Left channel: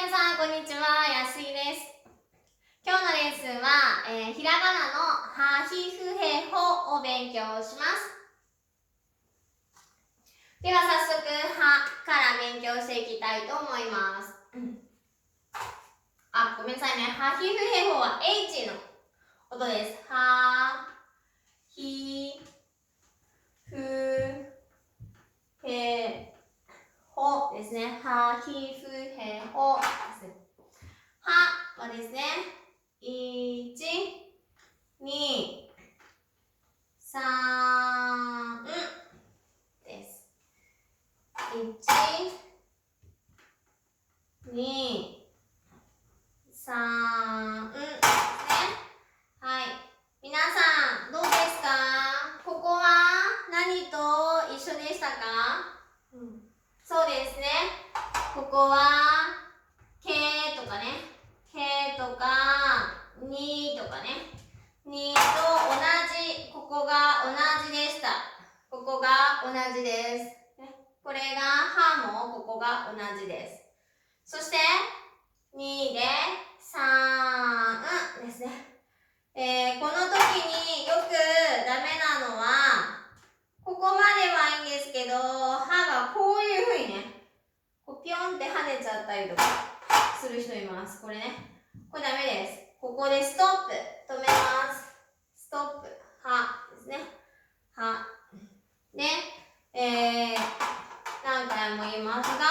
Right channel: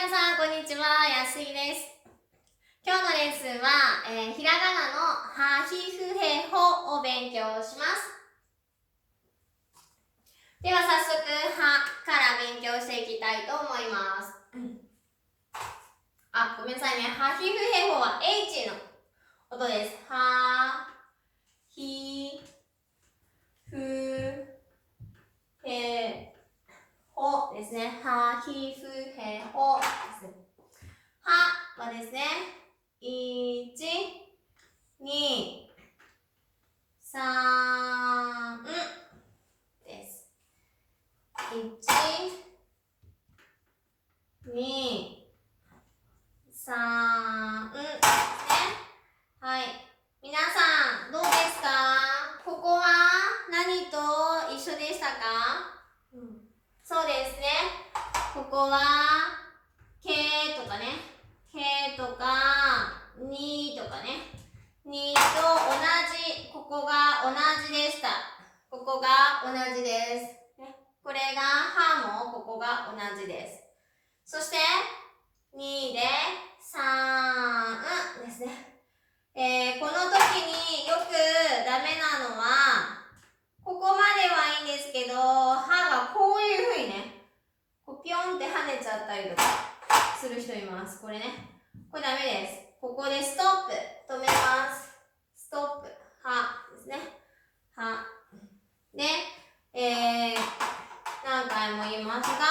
皆さんこんにちは、やすいです。今日のレッスンは、ひらがなのはひふへほを勉強します。では早速はから勉強していきたいと思います。ごめんなさいね。はひふへほは H の音です。はひふへほですね。はひふへほですね。ははですね、1、2、3です。1、2、3ですね。はい。皆さん、どうですか？ここは何と一緒でしたか？そうですね。ここは、けとかね。けとか、にとかね。にと同じ、ここが同じでした。ここが同じです。これがはもここが同じです。そして、2で3ですね。この時によくダメなのは、ここまではいいんですけど、はがこういうふうにね、こうピョンって跳ねちゃったりとかする人います。これね。これダメです。ここでストップ。止めます。ストップ。はですね。は。で、何回も言いますが、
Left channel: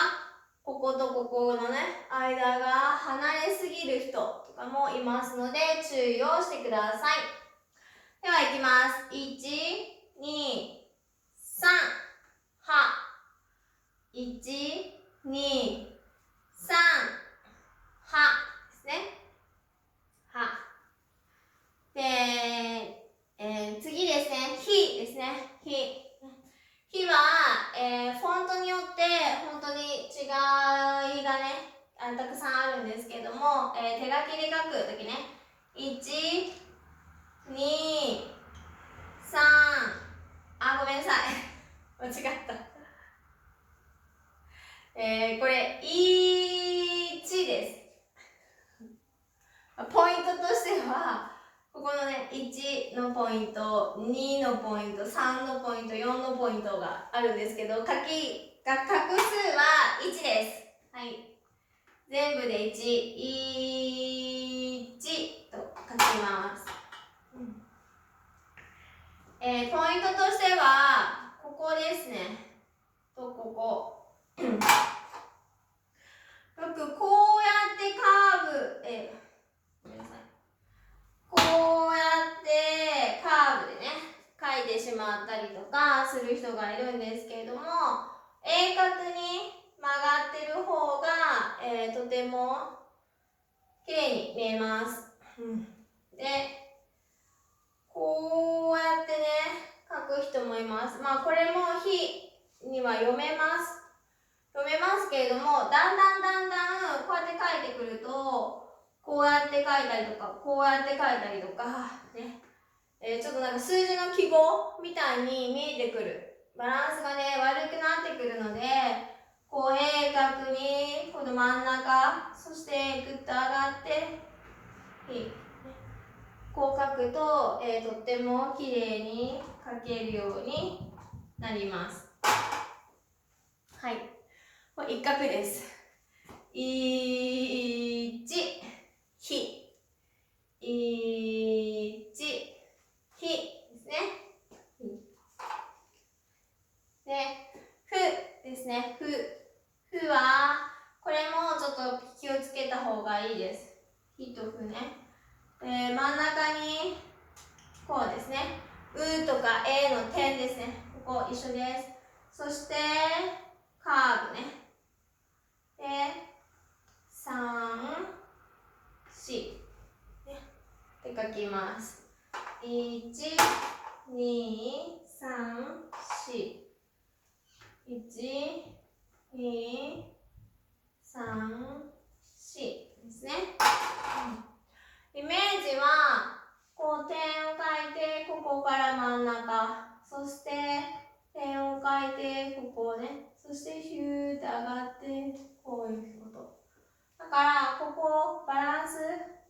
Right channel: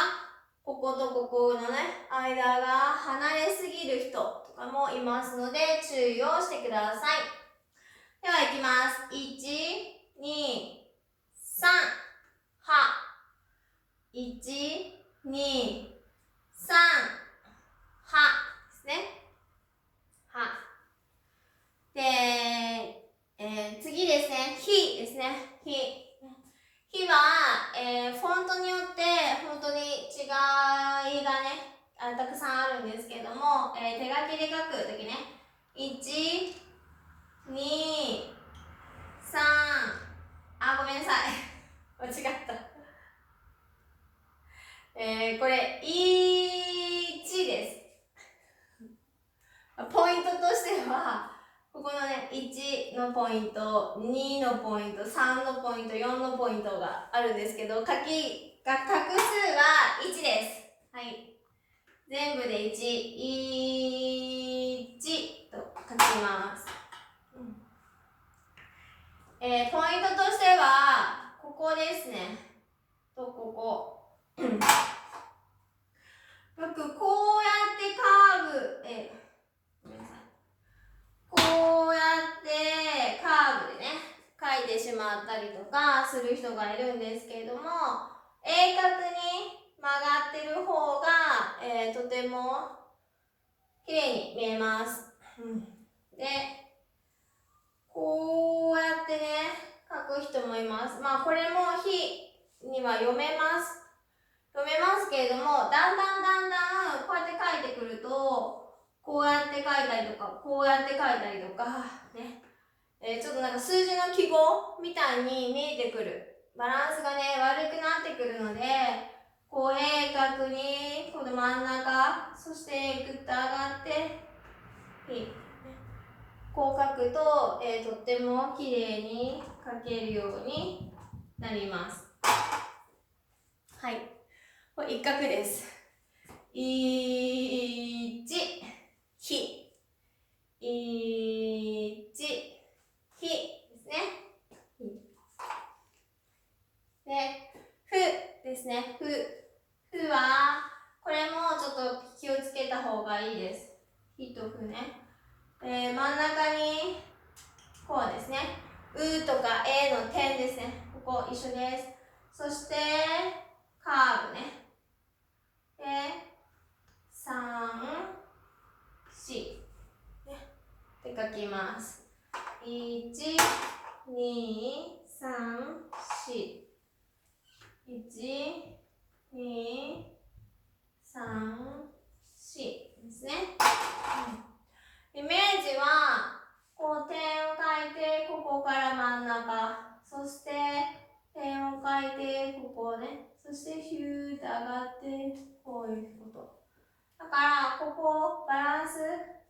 こことここのね、間が離れすぎる人とかもいますので、注意をしてください。では、いきます。1、2、3、は。1、2、3、はですね。は。で、次ですね。ひですね。ひ。ひは、フォントによって本当に違いがね、たくさんあるんですけども、手書きで書くときね、1、2、3、ごめんなさい。間違った。これ、1です。ポイントとしては、ここのね、1のポイント、2のポイント、3のポイント、4のポイントがあるんですけど、画数は1です。はい。全部で1、1と書きます。ポイントとしては、ここですね。と、ここ。よくこうやってカーブ、ごめんなさい。こうやってカーブでね、書いてしまったりとかする人がいるんですけれども、鋭角に曲がってる方が、とても綺麗に見えます。で、こうやってね、書く人もいます。これもひには読めます。読めますけれども、だんだんこうやって書いてくると、こうやって書いたりとか、こうやって書いたりとか、ね。ちょっとなんか数字の記号みたいに見えてくる。バランスがね、悪くなってくるので、こう鋭角に、この真ん中、そしてぐっと上がって、こう書くと、とっても綺麗に書けるようになります。はい。これ一画です。1、ひ。1、ひですね。で、ふですね。ふは、これもちょっと気をつけた方がいいです。ひとふね。真ん中に、こうですね。うとかえの点ですね。ここ一緒です。そして、カーブね。で、3、4。って書きます。1、2、3、4。1、2、3、4ですね。イメージは、こう点を書いて、ここから真ん中。そして、点を書いて、ここね。そして、ヒューって上がって、こういうこと。だからここバランス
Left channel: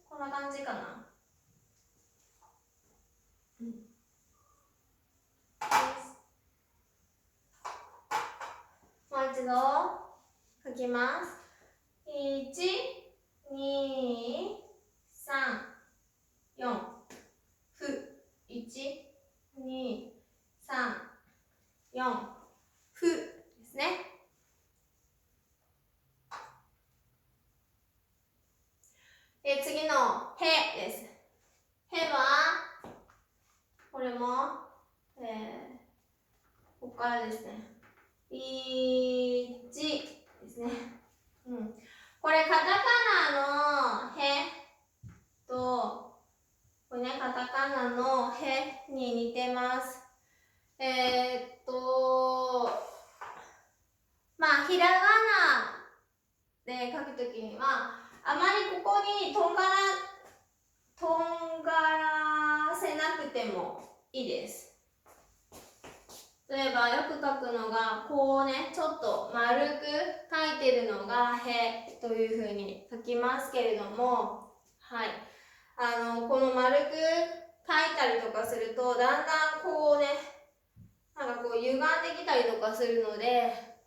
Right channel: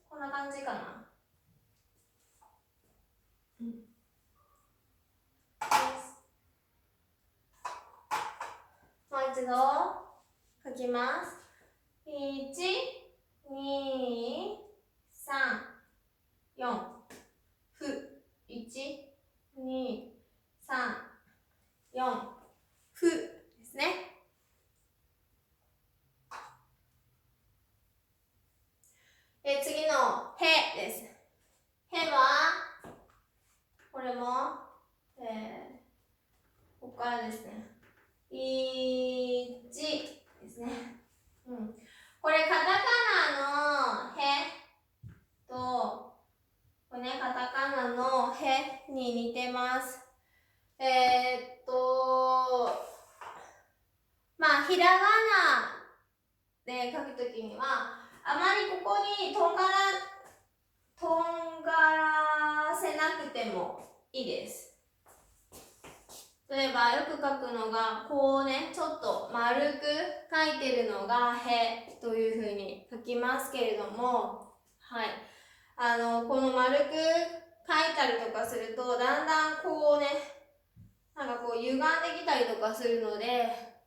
こんな感じかな。もう一度書きます。1、2、3、4、ふ、1、2、3、4、ふですね。で、次のへです。へは、これも、ここからですね。1ですね。これカタカナのへと、これね、カタカナのへに似てます。まあ、ひらがなで書くときには、あまりここにとんがらせなくてもいいです。例えばよく書くのがこうね、ちょっと丸く書いてるのがへというふうに書きますけれども、はい、この丸く書いたりとかするとだんだんこうね、なんかこう歪んできたりとかするので、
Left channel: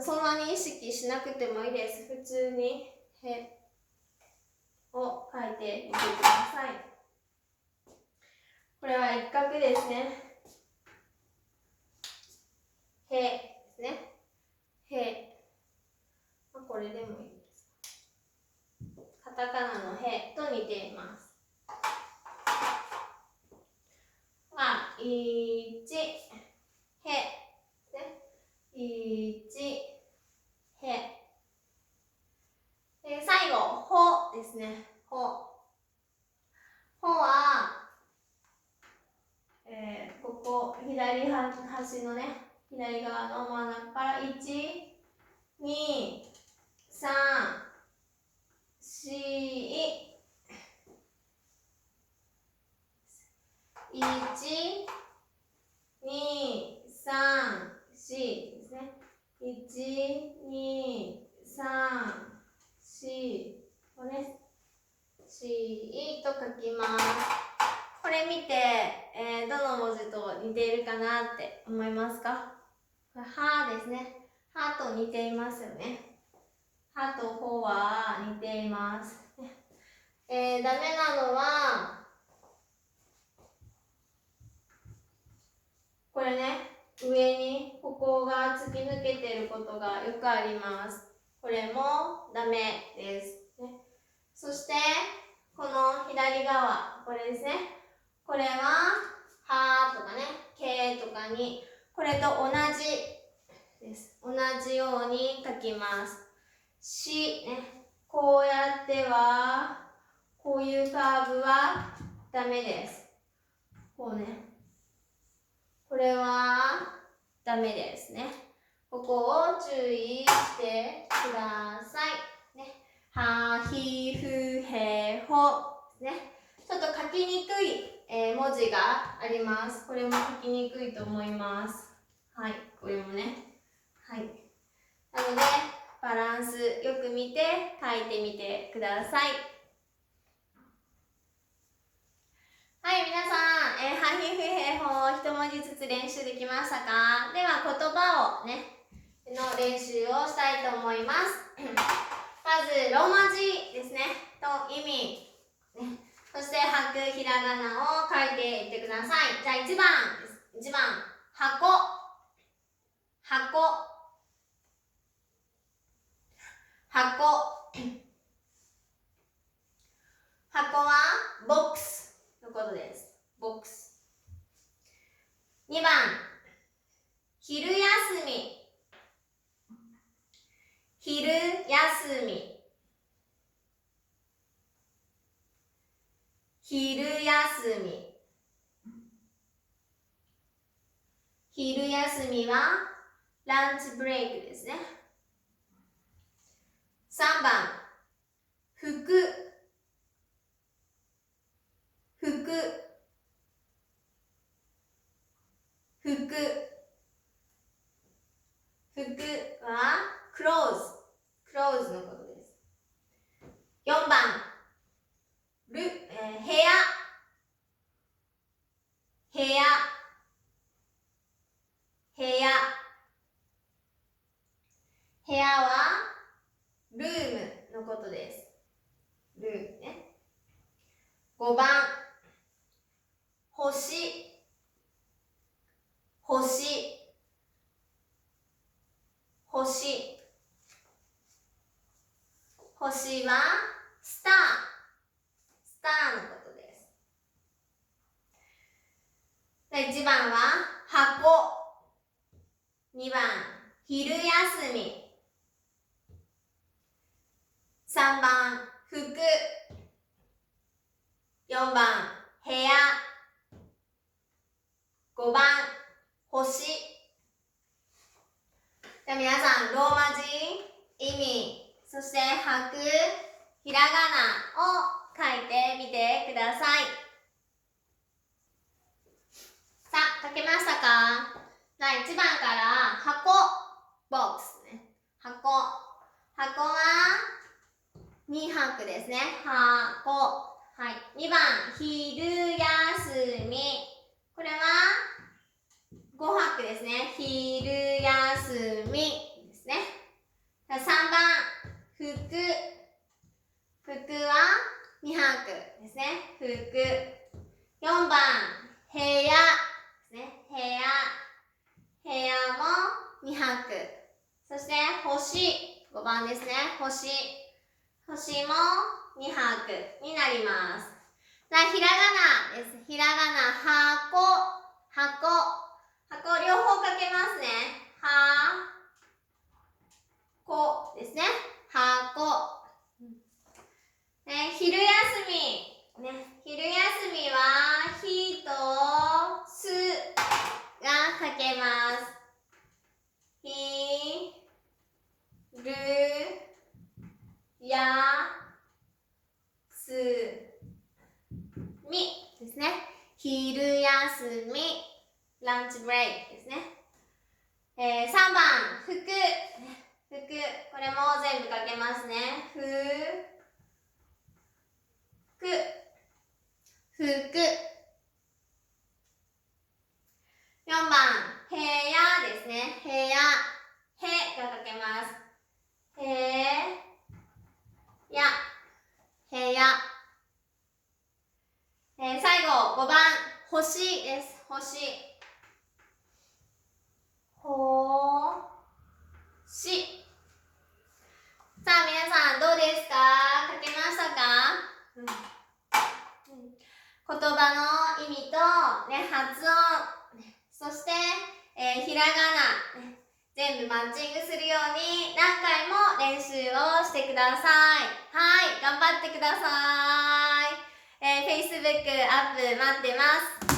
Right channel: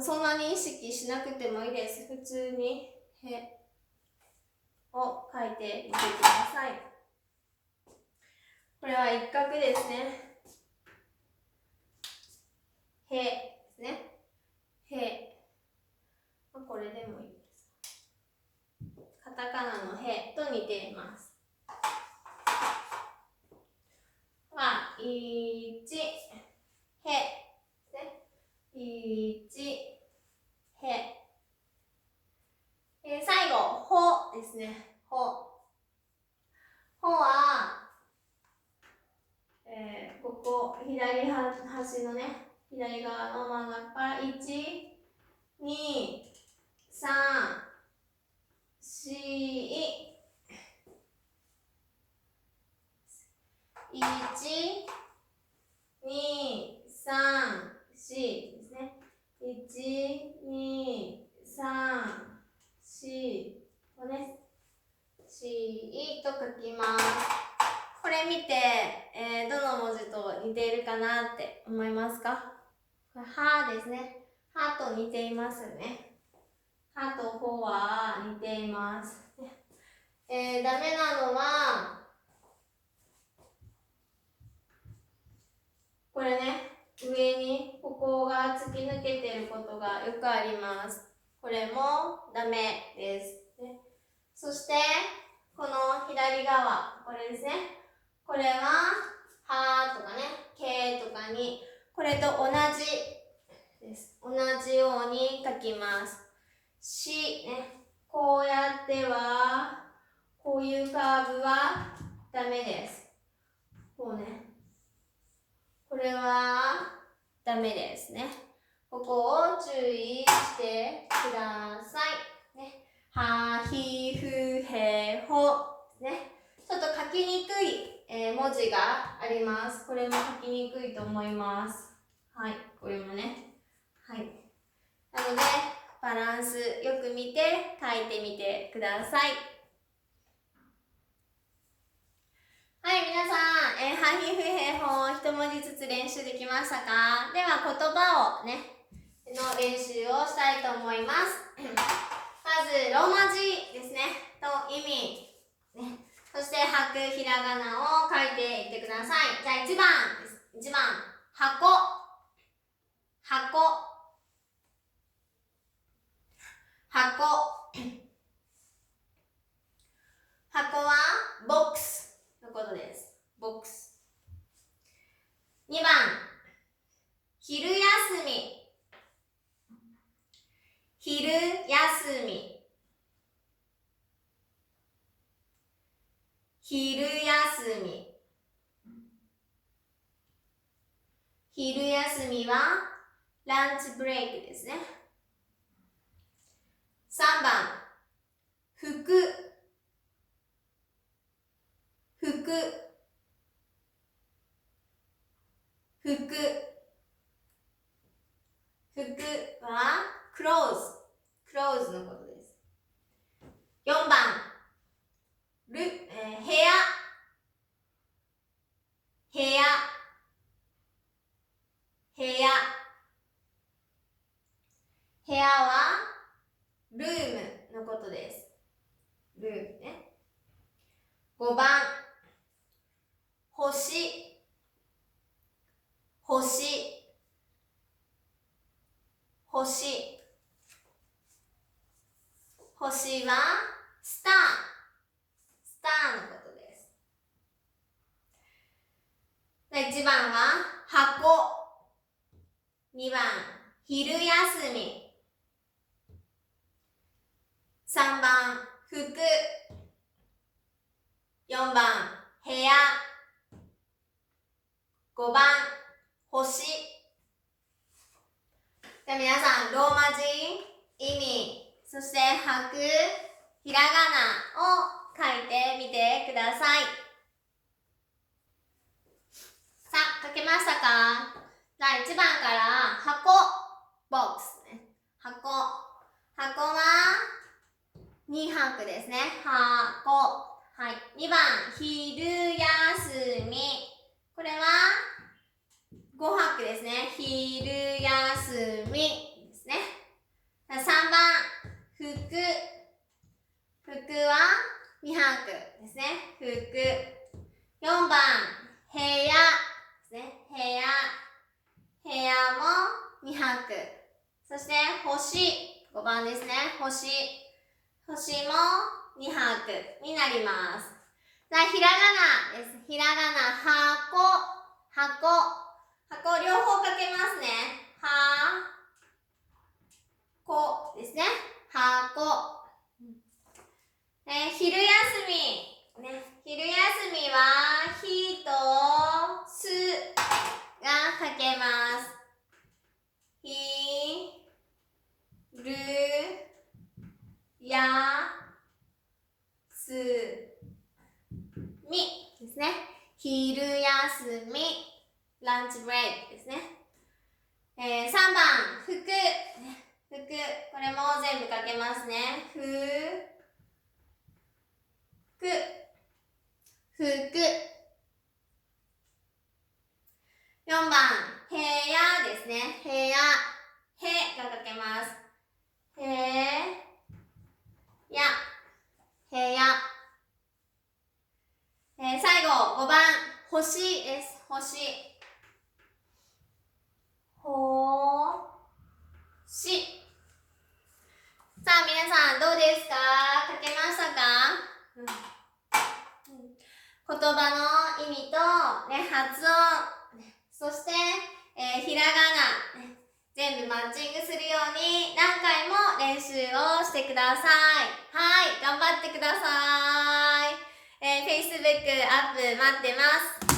そんなに意識しなくてもいいです。普通にへを書いてみてください。これは一画ですね。へですね。へ。これでもいいです。カタカナのへと似ています。は、1、へ。1、へ。最後、ほですね。ほ。ほは、ここ、左端のね、左側の真ん中から1、2、3、4、1、2、3、4ですね。1、2、3、4、これね、4と書きます。これ見て、どの文字と似ているかなって思いますか？これはですね。はと似ていますよね。はとほは似ています。ダメなのは、これね、上にここが突き抜けていることがよくあります。これもダメです。そして、この左側、これですね。これは、はとかね、けとかに、これと同じです。同じように書きます。し、ね。こうやっては、こういうカーブはダメです。こうね。これはダメですね。ここを注意してください。ね、は、ひ、ふ、へ、ほ。ね。ちょっと書きにくい、文字があります。これも書きにくいと思います。はい、これもね。はい。なので、バランスよく見て書いてみてください。はい、皆さん、はひふへほ一文字ずつ練習できましたか？では、言葉をね、の練習をしたいと思います。まず、ローマ字ですね、と意味、ね、そして、吐くひらがなを書いていってください。じゃあ、1番です。1番、箱、箱、箱。箱はボックスのことです。ボックス。2番、昼休み。昼休み。昼休み。昼休みはランチブレイクですね。3番、服。服。服。服はクローズ。クローズのことはルームのことです。ルームね。5番、星、星、星。星はスター、スターのことです。1番は箱、2番、昼休み、3番、服、4番、部屋、5番、星。では皆さん、ローマ字、意味、そして拍、ひらがなを書いてみてください。さあ、書けましたか？じゃあ1番から箱、ボックスね。箱。箱は2拍ですね。箱。はい。2番、昼休み。これは5拍ですね。昼休みですね。3番、服。服は2拍ですね。服。4番、部屋ですね。部屋。部屋も2拍。そして星、5番ですね。星。星も2拍になります。じゃあ、ひらがなです。ひらがな、箱、箱。箱、両方書けますね。こですね。箱。昼休み。ね、昼休みは、ひとすが書けます。ひるやすみですね。昼休み、ランチブレイクですね。3番、服。服。これも全部書けますね。服。4番、部屋ですね。部屋。へが書けます。へや。部屋。最後、5番、星です。星。ほし。さあ、皆さんどうですか？書けましたか？言葉の意味と、発音、そして、ひらがな、全部マッチングするように何回も練習をしてください。はい、頑張ってください。Facebook アップ待ってます。